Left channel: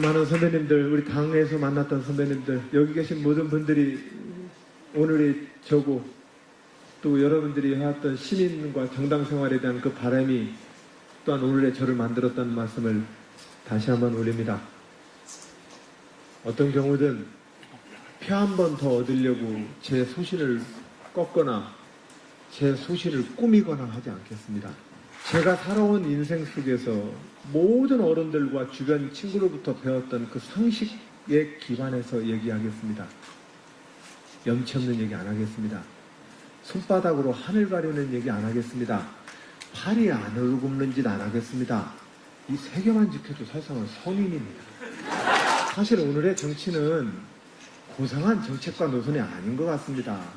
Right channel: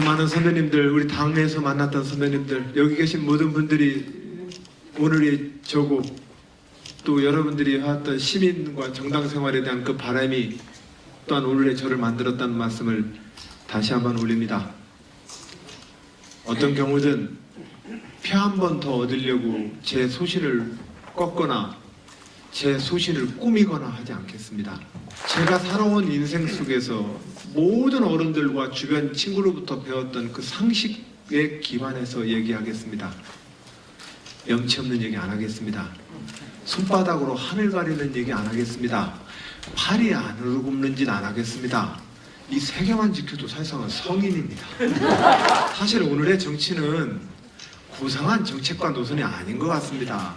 많은 선배님들, 우리 당내에서 만났던 선배님들, 여기 계신 모든 분들이 오늘이 저고 또 여러분들이 해왔던 시민과 정당 생활에 대한 그 바람이 또한 오늘의 저를 만들었다는 말씀을 다시 한번 올립니다. 어떤 경우든 표 한 번 더 얻으려고 제 소신을 꺾거나 제 소신을 꾸미거나 하지 않겠습니다. 제가 살아온 인생 속에서 모든 어른들과 주변 친구로부터 배웠던 그 상식에 기반해서 얘기하겠습니다. 명치 없는 얘기 안 하겠습니다. 손바닥으로 하늘 가리는 얘기 안 하겠습니다. 팔이 안으로 굽는 짓 안 하겠습니다. 이 세 개만 지켜도 사실상은 성인입니다. 사실 오늘의 정치는 고상한 정책과 노선이 아닌 것 같습니다.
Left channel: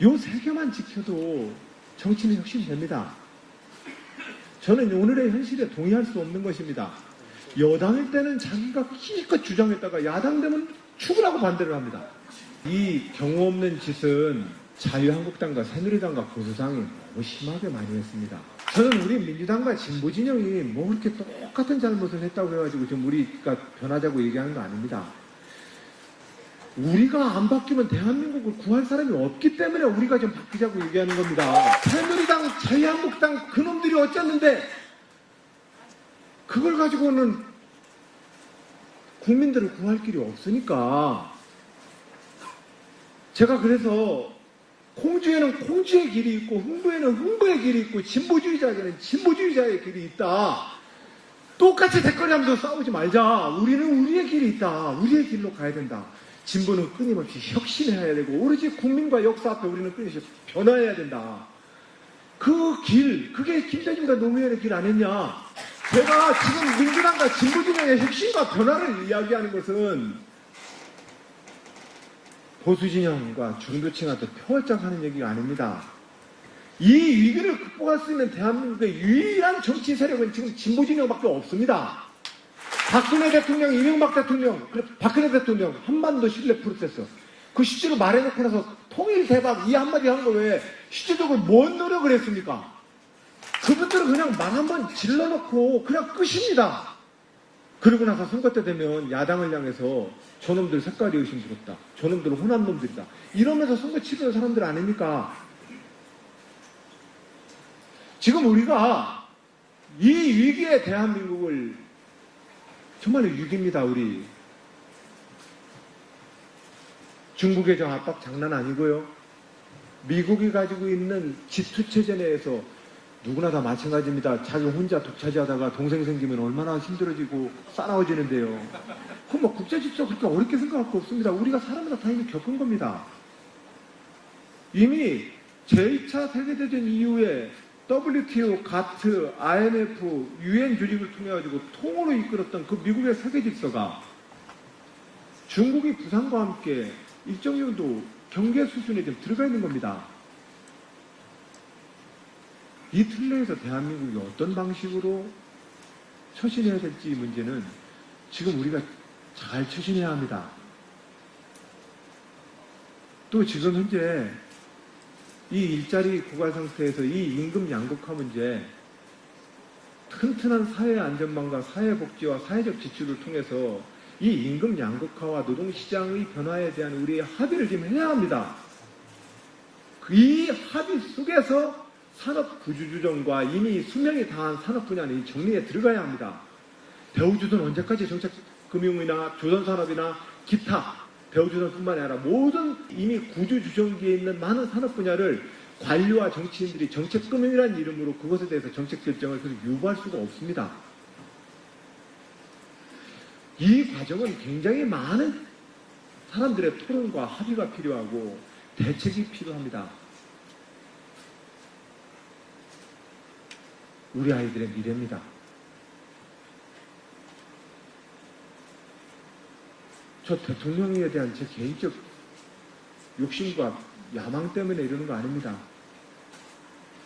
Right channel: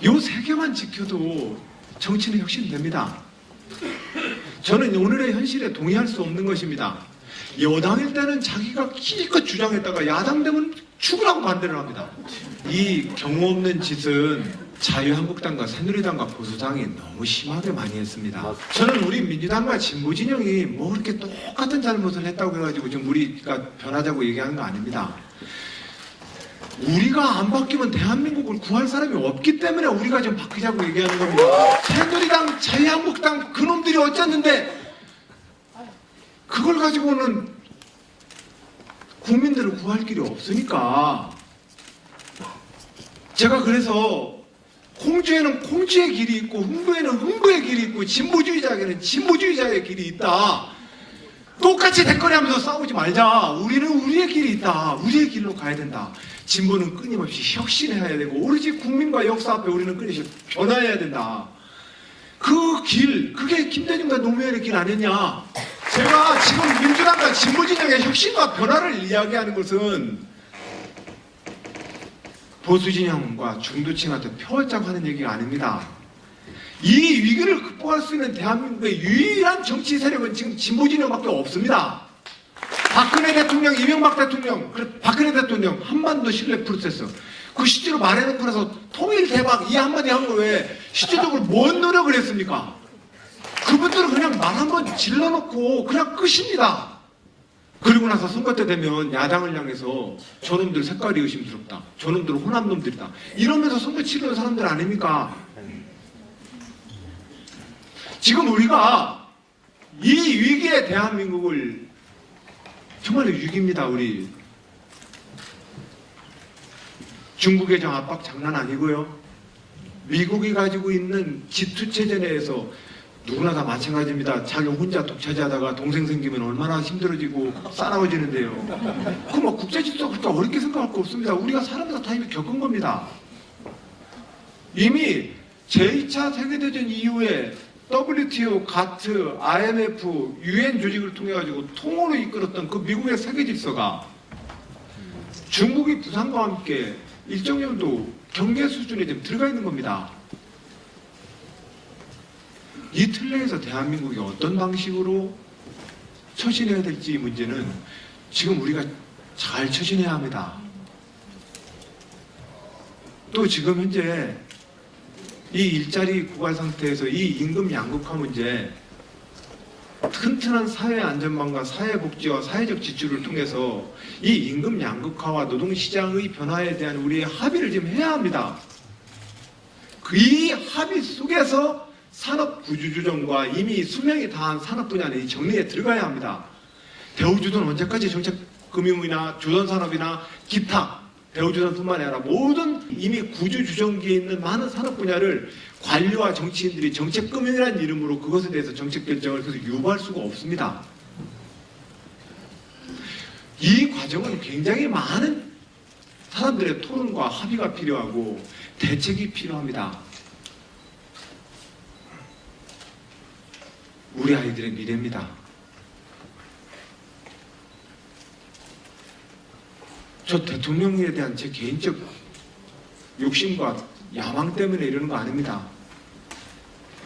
이 세 개만 지켜도 정치는 혁신됩니다. 저는 오늘의 현실에 동의할 수 없는 것입니다. 여당일 때는 자기가 기껏 주장했다가 야당 되면 죽으라고 반대를 합니다. 이 경우 없는 짓은 자유한국당과 새누리당과 보수당이 너무 심하게 많이 했습니다. 저는 우리 민주당과 진보진영이 뭐 그렇게 똑같은 잘못을 했다고 해가지고 지금 우리가 변하자고 얘기하는 거 아닙니다. 우리가 안 바뀌면 대한민국을 구할 사람이 없기 때문에 우리가 지금 바뀌자고 얘기하는 겁니다. 새누리당, 자유한국당 그놈들이 어쩌는데 그걸 가지고는 국민들을 구할 길이 없으니까 제가 그래서 공주에는 공주의 길이 있고 흥부에는 흥부의 길이 있고 진보주의자에게는 진보주의자의 길이 있다. 똑같이 댓글하면서 싸우지 말자. 우리는 우리의 길이 있다. 우리의 길로 가야 된다. 진보는 끊임없이 혁신해야 되고 오로지 국민과 역사 앞에 우리는 끊임없이 변화해야 된다. 그 길, 그게 김대중과 노무현의 길 아니냐. 제가 지금 민주당과 진보진영의 혁신과 변화를 이야기하는 것은 보수진영과 중도층한테 표절하는 얘기가 아닙니다. 이 위기를 극복할 수 있는 대한민국의 유일한 정치 세력은 지금 진보진영밖에 없습니다. 박근혜 대통령, 이명박 대통령, 박근혜 대통령 한반도 신뢰 프로세스 그 시대로 말해놓고 나서 통일 대박 이 한마디 한 거 왜 시대적으로 뭔 노력을 했습니까? 그분들은 그냥 말 한번 질러놓고 그냥 끝입니다. 그리고 나서 선거 때 되면 야당을 향해서 저놈들 색깔이 의심스럽다. 저놈들은 혼란 놈들이다. 이러면서 선거 치르는 사람들 아닙니까? 지금 우리가 이 위기의 대한민국을 정말 위기입니다. 우리 중국의 압박 장난 아니고요. 미국이 가지고 있는 G2 체제 내에서 누구나 다 마찬가지입니다. 자기 혼자 독차지하다가 동생 생기면 얼마나 힘들어지고 싸나워지는데요. 그럼 뭐 국제 질서가 그렇게 어렵게 생각할 거 없습니다. 우리가 사람들 다 이미 겪은 겁니다. 이미 제2차 세계대전 이후에 WTO, 가트, IMF, UN 조직을 통해 가지고 통으로 이끌었던 그 미국의 세계 질서가 중국이 부산과 함께 일정 정도 경계 수준에 좀 들어가 있는 겁니다. 이 틀 내에서 대한민국이 어떤 방식으로 처신해야 될지 문제는 지금 우리가 잘 처신해야 합니다. 또 지금 현재 이 일자리 고갈 상태에서 이 임금 양극화 문제 튼튼한 사회 안전망과 사회복지와 사회적 지출을 통해서 이 임금 양극화와 노동시장의 변화에 대한 우리의 합의를 지금 해야 합니다. 이 합의 속에서 산업 구조조정과 이미 수명이 다한 산업 분야는 이 정리에 들어가야 합니다. 대우조선 언제까지 정책금융이나 조선산업이나 기타 대우조선뿐만 아니라 모든 이미 구조조정기에 있는 많은 산업 분야를 관료와 정치인들이 정책금융이라는 이름으로 그것에 대해서 정책 결정을 계속 요구할 수가 없습니다. 이 과정은 굉장히 많은 사람들의 토론과 합의가 필요하고 대책이 필요합니다. 우리 아이들의 미래입니다. 저 대통령에 대한 제 개인적 욕심과 야망 때문에 이러는 거 아닙니다.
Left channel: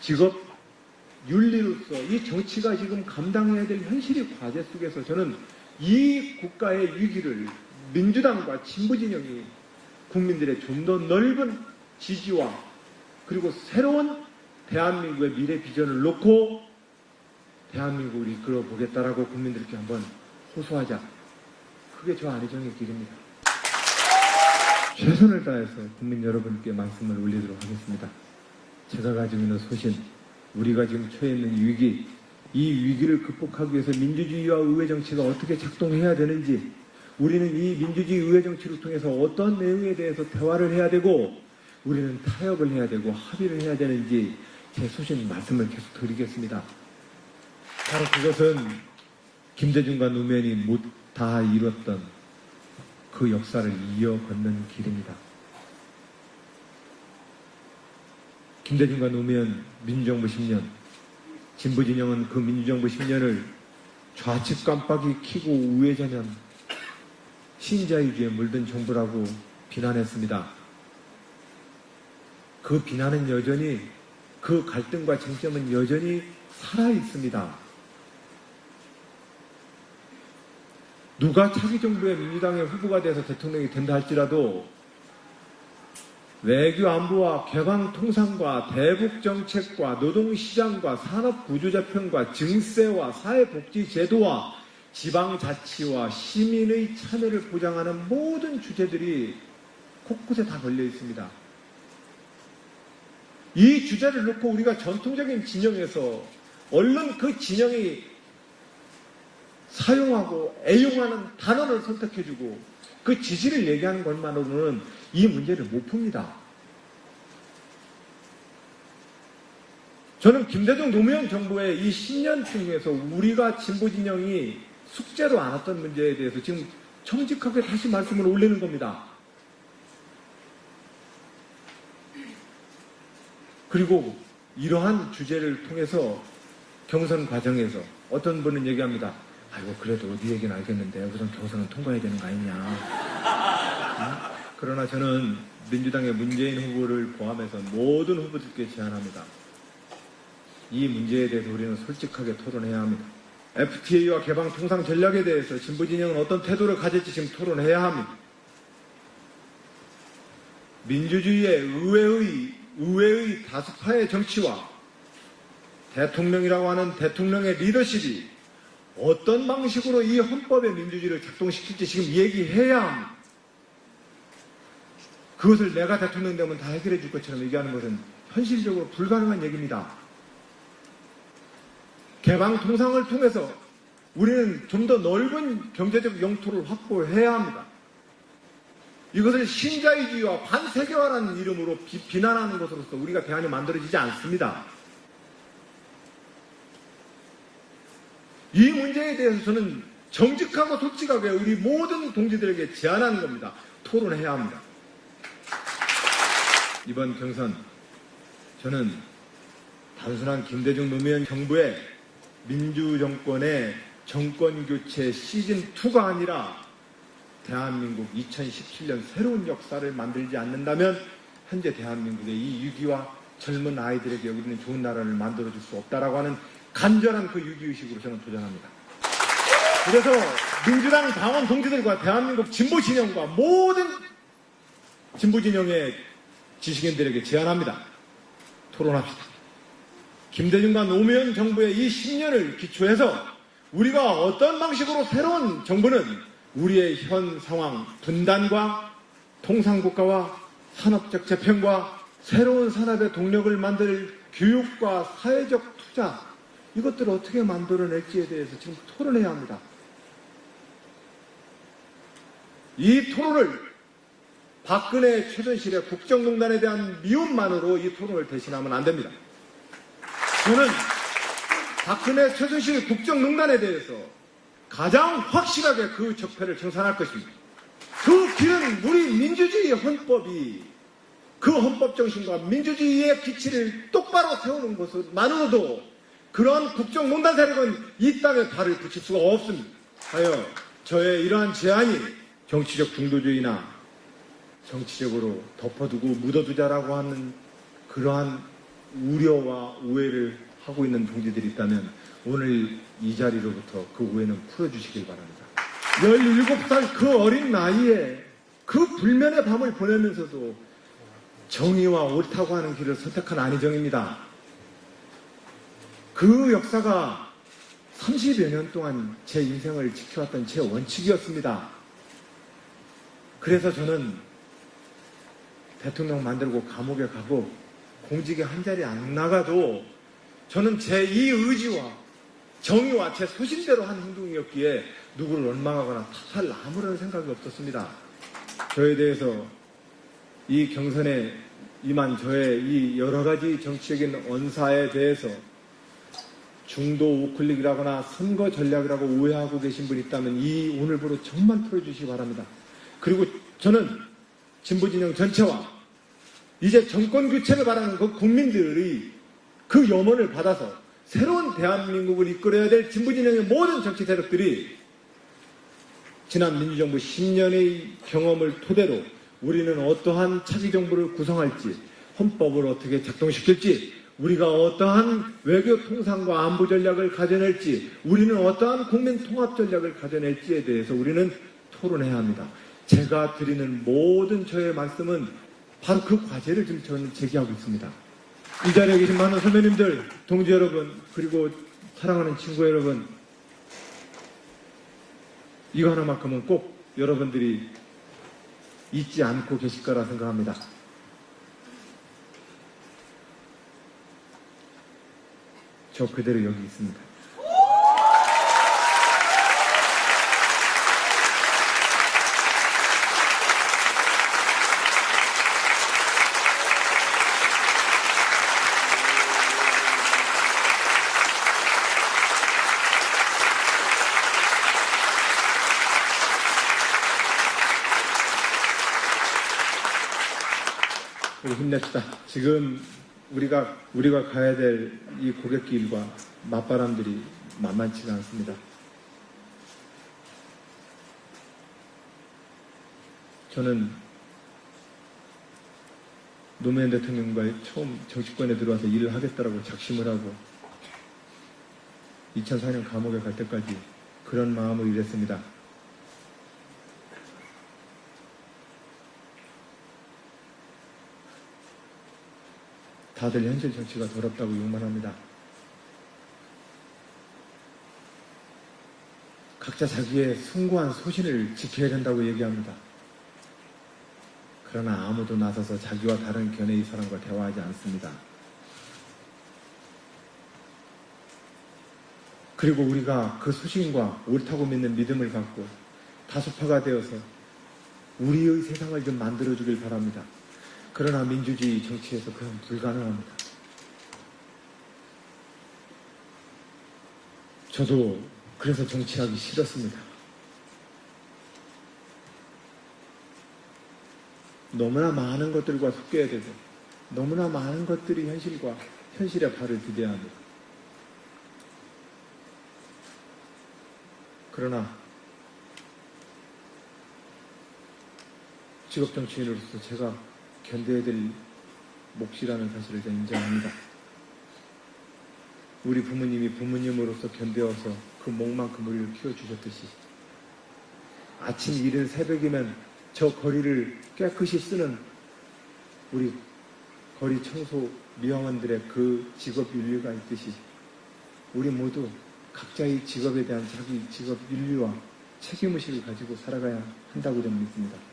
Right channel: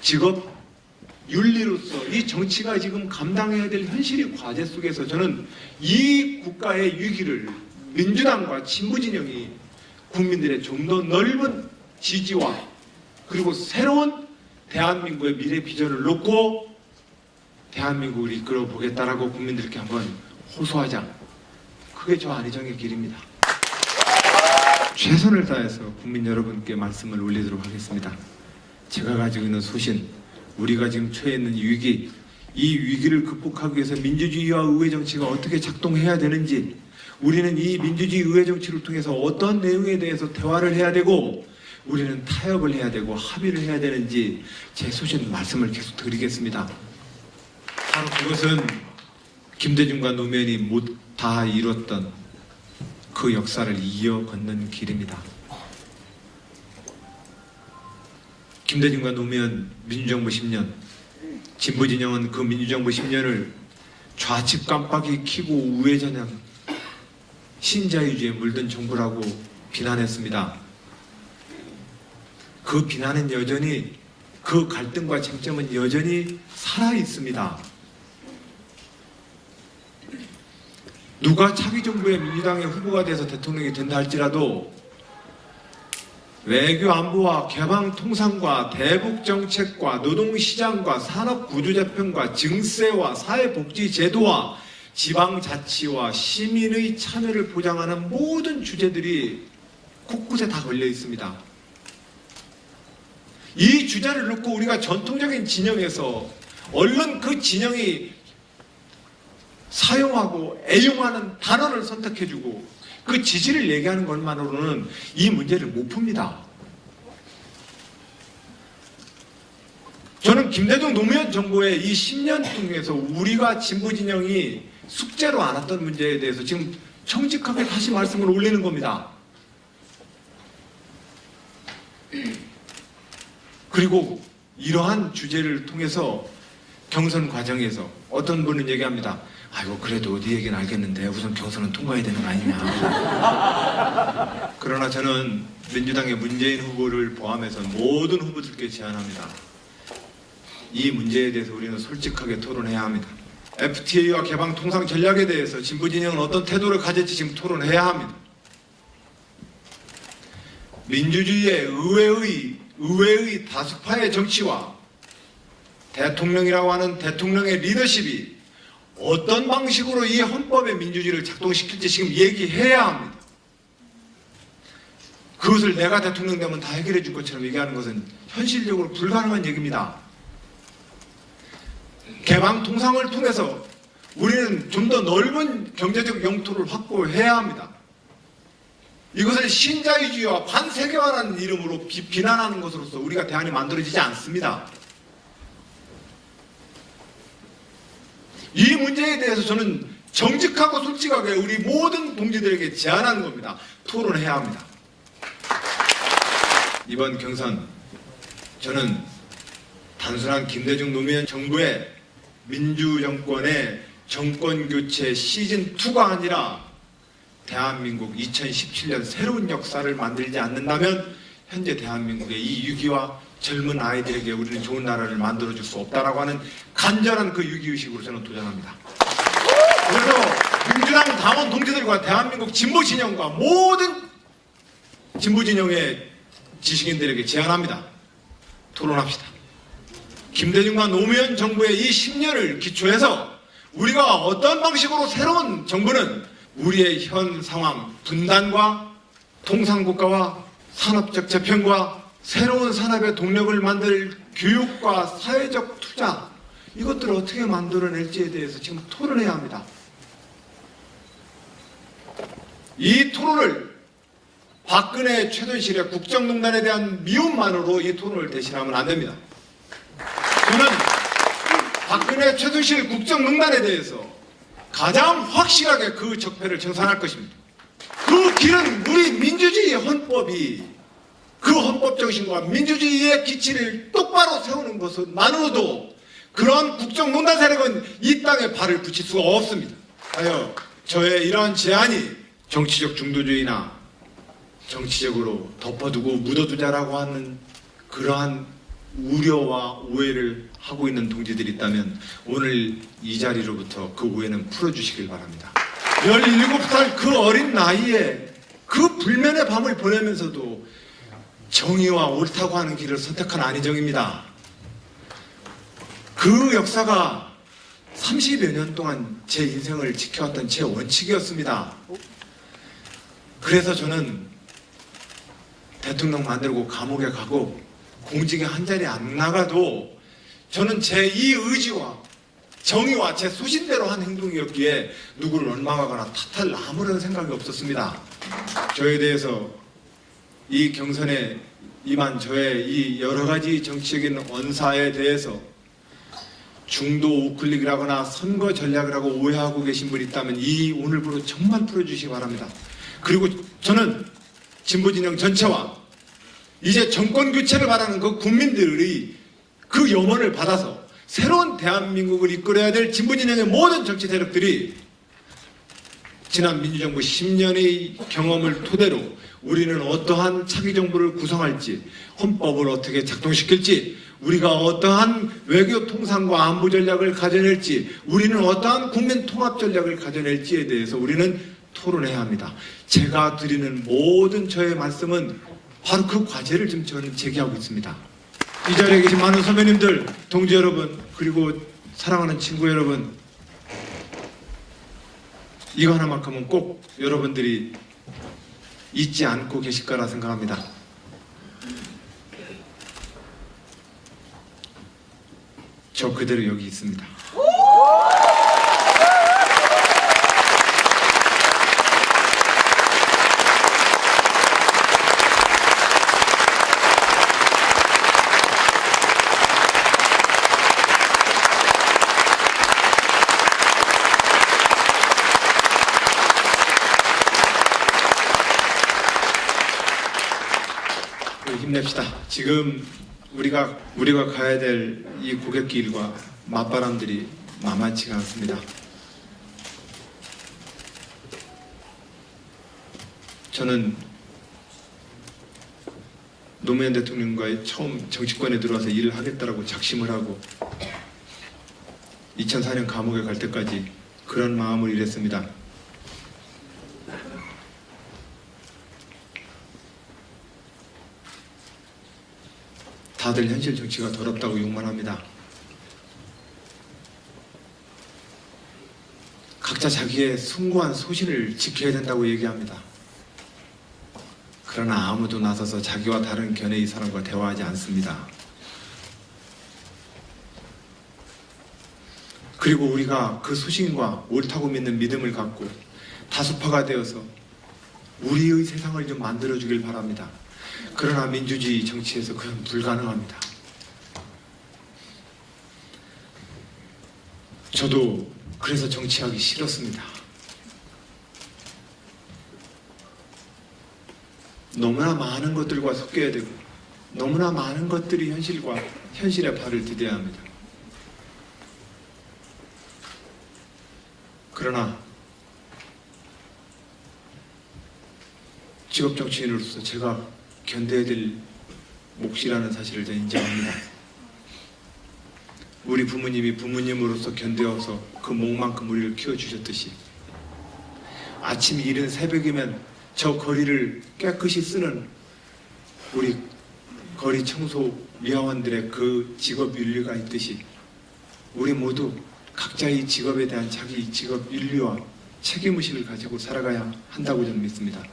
직업, 윤리로서 이 정치가 지금 감당해야 될 현실의 과제 속에서 저는 이 국가의 위기를 민주당과 진보진영이 국민들의 좀 더 넓은 지지와 그리고 새로운 대한민국의 미래 비전을 놓고 대한민국을 이끌어 보겠다라고 국민들께 한번 호소하자. 그게 저 안희정의 길입니다. 최선을 다해서 국민 여러분께 말씀을 올리도록 하겠습니다. 제가 가지고 있는 소신, 우리가 지금 처해 있는 위기, 이 위기를 극복하기 위해서 민주주의와 의회 정치가 어떻게 작동해야 되는지, 우리는 이 민주주의 의회 정치를 통해서 어떤 내용에 대해서 대화를 해야 되고, 우리는 타협을 해야 되고 합의를 해야 되는지 제 소신 말씀을 계속 드리겠습니다. 바로 그것은 김대중과 노무현이 못 다 이뤘던 그 역사를 이어걷는 길입니다. 김대중과 노무현 민주정부 10년, 진보진영은 그 민주정부 10년을 좌측 깜빡이 켜고 우회전형 신자유주의에 물든 정부라고 비난했습니다. 그 비난은 여전히, 그 갈등과 쟁점은 여전히 살아있습니다. 누가 차기 정부의 민주당의 후보가 돼서 대통령이 된다 할지라도 외교 안보와 개방 통상과 대북 정책과 노동시장과 산업구조재편과 증세와 사회복지제도와 지방자치와 시민의 참여를 보장하는 모든 주제들이 곳곳에 다 걸려 있습니다. 이 주제를 놓고 우리가 전통적인 진영에서 얼른 그 진영이 사용하고 애용하는 단어를 선택해주고 그 지지를 얘기하는 것만으로는 이 문제를 못 풉니다. 저는 김대중 노무현 정부의 이 10년 중에서 우리가 진보진영이 숙제로 안았던 문제에 대해서 지금 정직하게 다시 말씀을 올리는 겁니다. 그리고 이러한 주제를 통해서 경선 과정에서 어떤 분은 얘기합니다. 아이고 그래도 어디 얘기는 알겠는데 우선 경선은 통과해야 되는 거 아니냐. 그러나 저는 민주당의 문재인 후보를 포함해서 모든 후보들께 제안합니다. 이 문제에 대해서 우리는 솔직하게 토론해야 합니다. FTA와 개방 통상 전략에 대해서 진보진영은 어떤 태도를 가질지 지금 토론해야 합니다. 민주주의의 의회의 다수파의 정치와 대통령이라고 하는 대통령의 리더십이 어떤 방식으로 이 헌법의 민주주의를 작동시킬지 지금 얘기해야 합니다. 그것을 내가 대통령 되면 다 해결해 줄 것처럼 얘기하는 것은 현실적으로 불가능한 얘기입니다. 개방 통상을 통해서 우리는 좀 더 넓은 경제적 영토를 확보해야 합니다. 이것을 신자유주의와 반세계화라는 이름으로 비난하는 것으로서 우리가 대안이 만들어지지 않습니다. 이 문제에 대해서 저는 정직하고 솔직하게 우리 모든 동지들에게 제안하는 겁니다. 토론해야 합니다. 이번 경선 저는 단순한 김대중 노무현 정부의 민주정권의 정권교체 시즌2가 아니라 대한민국 2017년 새로운 역사를 만들지 않는다면 현재 대한민국의 이 위기와 젊은 아이들에게 우리는 좋은 나라를 만들어줄 수 없다라고 하는 간절한 그 위기의식으로 저는 도전합니다. 그래서 민주당 당원 동지들과 대한민국 진보진영과 모든 진보진영의 지식인들에게 제안합니다. 토론합시다. 김대중과 노무현 정부의 이 10년을 기초해서 우리가 어떤 방식으로 새로운 정부는 우리의 현 상황, 분단과 통상국가와 산업적 재편과 새로운 산업의 동력을 만들 교육과 사회적 투자, 이것들을 어떻게 만들어낼지에 대해서 지금 토론해야 합니다. 이 토론을 박근혜 최순실의 국정농단에 대한 미움만으로 이 토론을 대신하면 안 됩니다. 저는 박근혜 최순실 국정농단에 대해서 가장 확실하게 그 적폐를 청산할 것입니다. 그 길은 우리 민주주의 헌법이 그 헌법 정신과 민주주의의 기치를 똑바로 세우는 것만으로도 그런 국정농단 세력은 이 땅에 발을 붙일 수가 없습니다. 하여 저의 이러한 제안이 정치적 중도주의나 정치적으로 덮어두고 묻어두자라고 하는 그러한 우려와 오해를 하고 있는 동지들이 있다면 오늘 이 자리로부터 그 오해는 풀어주시길 바랍니다. 17살 그 어린 나이에 그 불면의 밤을 보내면서도 정의와 옳다고 하는 길을 선택한 안희정입니다. 그 역사가 30여 년 동안 제 인생을 지켜왔던 제 원칙이었습니다. 그래서 저는 대통령 만들고 감옥에 가고 공직에 한 자리 안 나가도 저는 제 이 의지와 정의와 제 소신대로 한 행동이었기에 누구를 원망하거나 탓할 아무런 생각이 없었습니다. 저에 대해서 이 경선에 임한 저의 이 여러 가지 정치적인 언사에 대해서 중도 우클릭이라거나 선거 전략을 하고 오해하고 계신 분이 있다면 이 오늘부로 정말 풀어주시기 바랍니다. 그리고 저는 진보진영 전체와 이제 정권 교체를 바라는 그 국민들의 그 염원을 받아서 새로운 대한민국을 이끌어야 될 진보진영의 모든 정치 세력들이 지난 민주정부 10년의 경험을 토대로 우리는 어떠한 차기 정부를 구성할지, 헌법을 어떻게 작동시킬지, 우리가 어떠한 외교 통상과 안보 전략을 가져낼지, 우리는 어떠한 국민 통합 전략을 가져낼지에 대해서 우리는 토론해야 합니다. 제가 드리는 모든 저의 말씀은 바로 그 과제를 지금 저는 제기하고 있습니다. 이 자리에 계신 많은 선배님들, 동지 여러분, 그리고 사랑하는 친구 여러분, 이거 하나만큼은 꼭 여러분들이 잊지 않고 계실 거라 생각합니다. 저 그대로 여기 있습니다. 힘냅시다. 지금 우리가 가야 될 이 고갯길과 맞바람들이 만만치가 않습니다. 저는 노무현 대통령과의 처음 정치권에 들어와서 일을 하겠다라고 작심을 하고 2004년 감옥에 갈 때까지 그런 마음으로 일했습니다. 다들 현실 정치가 더럽다고 욕만 합니다. 각자 자기의 숭고한 소신을 지켜야 된다고 얘기합니다. 그러나 아무도 나서서 자기와 다른 견해의 사람과 대화하지 않습니다. 그리고 우리가 그 소신과 옳다고 믿는 믿음을 갖고 다수파가 되어서 우리의 세상을 좀 만들어주길 바랍니다. 그러나 민주주의 정치에서 그건 불가능합니다. 저도 그래서 정치하기 싫었습니다. 너무나 많은 것들과 섞여야 되고 너무나 많은 것들이 현실의 발을 디뎌야 합니다. 그러나 직업 정치인으로서 제가 견뎌야 될 몫이라는 사실을 저는 인정합니다. 우리 부모님이 부모님으로서 견뎌서 그 몫만큼 우리를 키워주셨듯이 아침 이른 새벽이면 저 거리를 깨끗이 쓰는 우리 거리 청소 미화원들의 그 직업 윤리가 있듯이 우리 모두 각자의 직업에 대한 자기 직업 윤리와 책임의식을 가지고 살아가야 한다고 저는 믿습니다.